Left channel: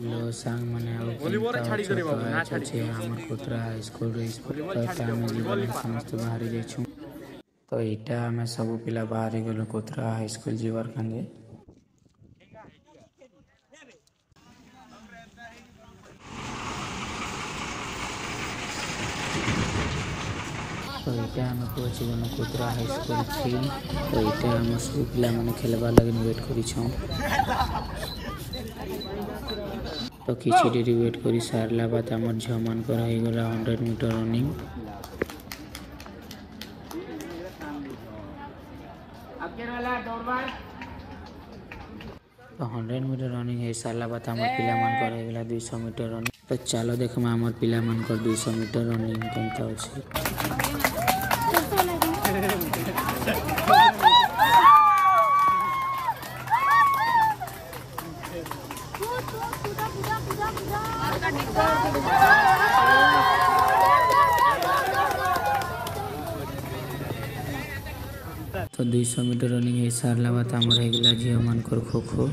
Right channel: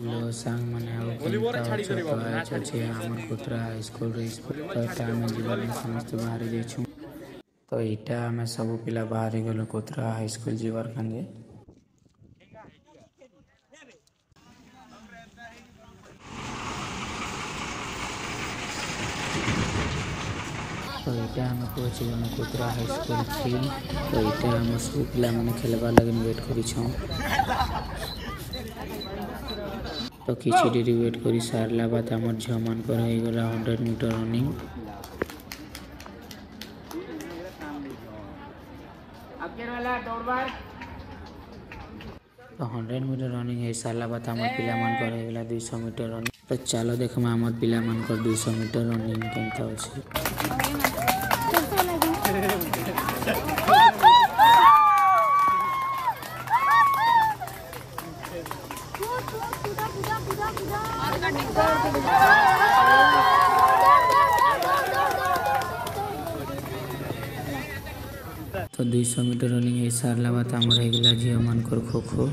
लो सांग माने अब छोट आज अच्छे हमर कुतरा स्कूल रे तो एटा में जीवन समस्त बाहर जाइछु तो एटा में सब पिला बाहर गेलो कुतरा हाई स्कूल जीवर खंगे तो एटा में पहुंच गेलो कुतरा हाई स्कूल फील्ड तो एटा में सब पिला माने खेलबा लगन वेट करी छौ तो किछि देरी वेट करी सारला बात हमर झमान कर हो गला 100 मीटर रनिंग तो 100 मीटर रनिंग है सारला बात हमर पिला मन कर हो गला 200 मीटर रनिंग तो चलो देखमा हमर पिला मन कर 200 मीटर रनिंग केनता होछि तो 200 मीटर रनिंग है सारला बात हमर हो गला झिया मन कर खो खो